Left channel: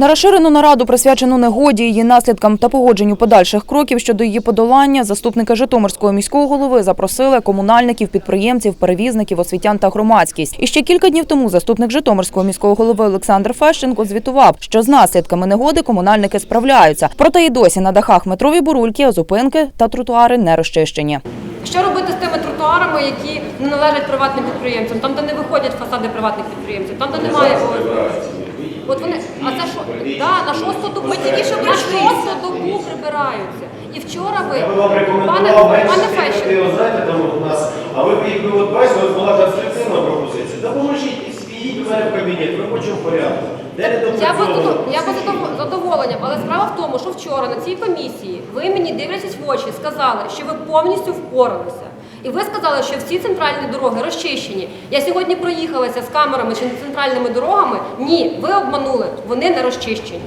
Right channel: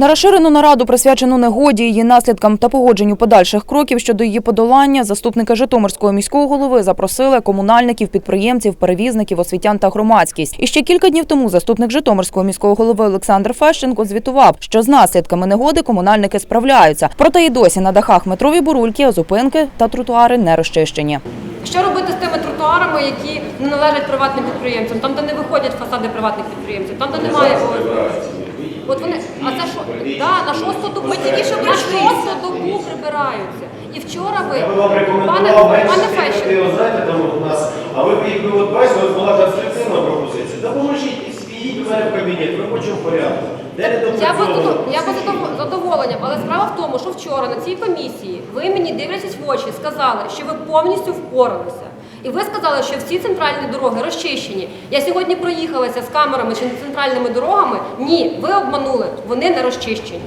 На розширену нараду, присвячену негоді, її наслідкам та погодженню подальших кроків щодо її подолання, заступника Житомирського міського голови запросили комунальників, підприємців, перевізників, освітян та громадськість. І ще кілька днів тому заступник Житомирського міського голови Олександр Фещенко звітував, що з наслідками негоди комунальники справляються. Проте і досі на дахах метрові бурульки, зупинки та тротуари не розчищені. Що робити з тими тротуарами, які не належать приватним підприємцям, там, де не виходять фасади приватних підприємців, там, де немає ОСБ? От вони, а це що? Да, на шосту добу, Ми тільки що на шосту добу прибираються. І вчора ви, Я би вам пане, рекомендував пане менше Фещенко, от знаєте, там у нас, а ви б якби от бачите, от була конструктивна пропозиція. Допоможіть, підійдіть до мене в кабінет, в робочому порядку. Де не Я би допрацьовано? задов- я би задов- задоволенням, але справа в тому, що вчора на цій комісії ви мені дивлячись в очі, сказали, що ви повністю впоралися. І ви сказали, що всі центральні дороги розчищені. Я сьогодні проїхалася з камерами чи центральними дорогами. Ні, ви обманули, вони не розчищені.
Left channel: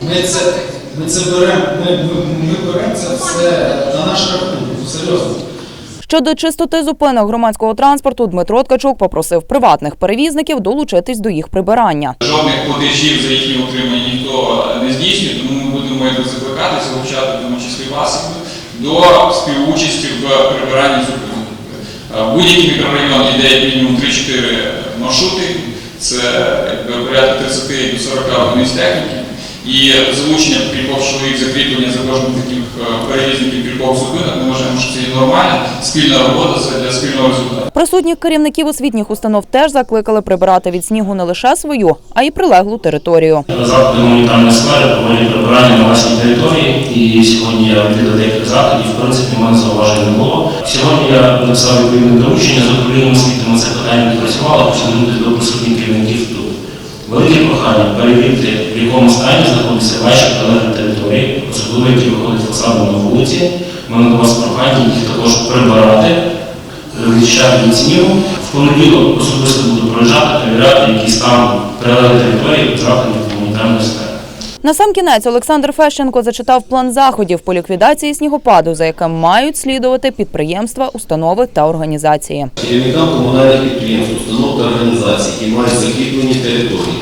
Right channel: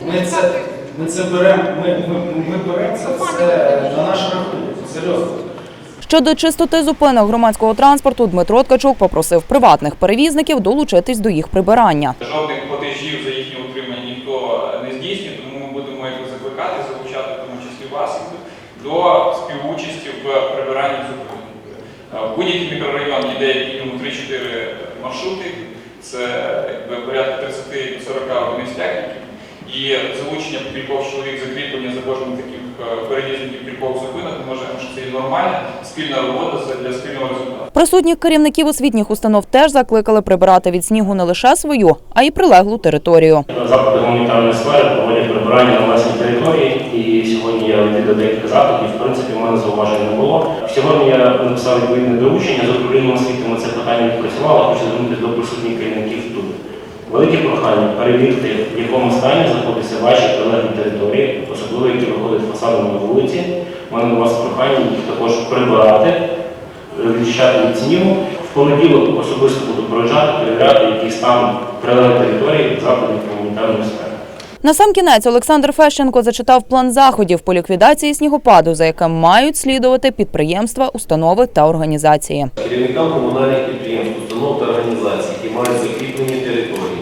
Ми це, ми це беремо, ми, ми, беремо це все на наш рахунок, серйозно. Щодо чистоти зупинок громадського транспорту, Дмитро Ткачук попросив приватних перевізників долучитись до їх прибирання. Жодних платежів за їхнє утримання ніхто не здійснює, тому ми будемо їх закликати, залучати в тому числі вас до співучасті в прибиранні зупинок. Е, Будь-який мікрорайон як мінімум 3-4 маршрути, це порядка 30 до 40 одиниць техніки. І залучення кількох чоловік закріплення за кожним таких е, перевізників кількох зупинок, ми вважаємо, що це є нормальна спільна робота для спільного результату. Присутніх керівників освітніх установ теж закликали прибирати від снігу не лише свою, а й прилеглу територію. Заходи гуманітарної сфери проводять прибирання на власній території, і сьогодні я відвідав декілька заходів, в принципі, в мене зауважень не було. Сьогодні я написав відповідне доручення з управлінням освіти, ми це питання відпрацювали, хочу звернутися до присутніх керівників тут. Велике перевірити, в якому стані знаходяться ваші прилеглі території, особливо які виходять фасадом на вулиці. У мене до вас прохання їх також прибирати, відчищати від снігу. В понеділок особисто буду проїжджати, перевіряти, який стан прилеглих територій заходів гуманітарної сфери. На сам кінець Олександр Фещенко зачитав план заходів по ліквідації снігопаду, за яким мають слідувати підприємства, установи та організації. Керівникам комунальних підприємств, установ та організацій, які мають закріплені території,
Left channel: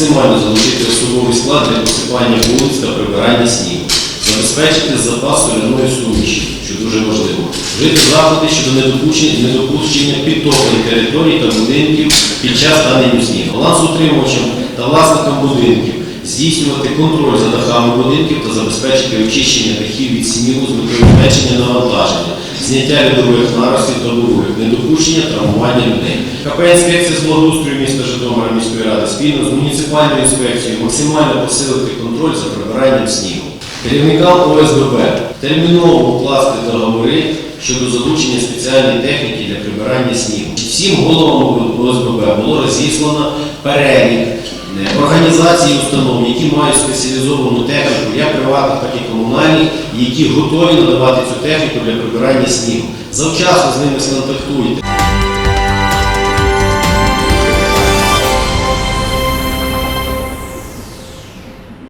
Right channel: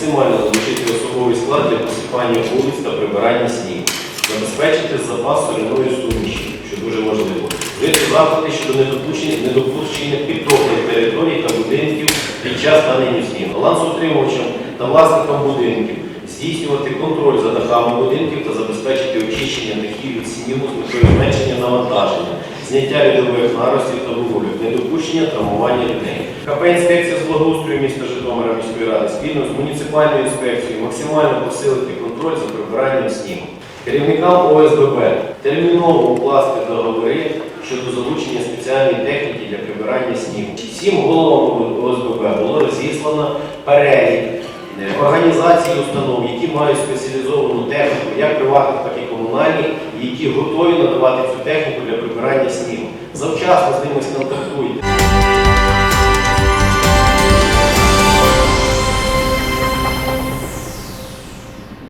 максимально залучити особовий склад для посипання вулиць та прибирання снігу, забезпечити запас соляної суміші, що дуже важливо, вжити заходи щодо недопущення, підтоплень територій та будинків під час станення снігу, балансоутримувачам та власникам будинків, здійснювати контроль за дахами будинків та забезпечити очищення дахів від снігу з метою зменшення навантаження, зняття льодових наростів та дорогих, недопущення травмування людей. КП інспекція з міста Житомира міської ради спільно з муніципальною інспекцією максимально посилити контроль за прибиранням снігу. Керівникам ОСББ терміново укласти договори щодо залучення спеціальної техніки для прибирання снігу. Всім головам ОСББ було розіслано перелік організацій установ, які мають спеціалізовану техніку, як приватних, так і комунальні, які готові надавати цю техніку для прибирання снігу. Завчасно з ними сконтактуйте.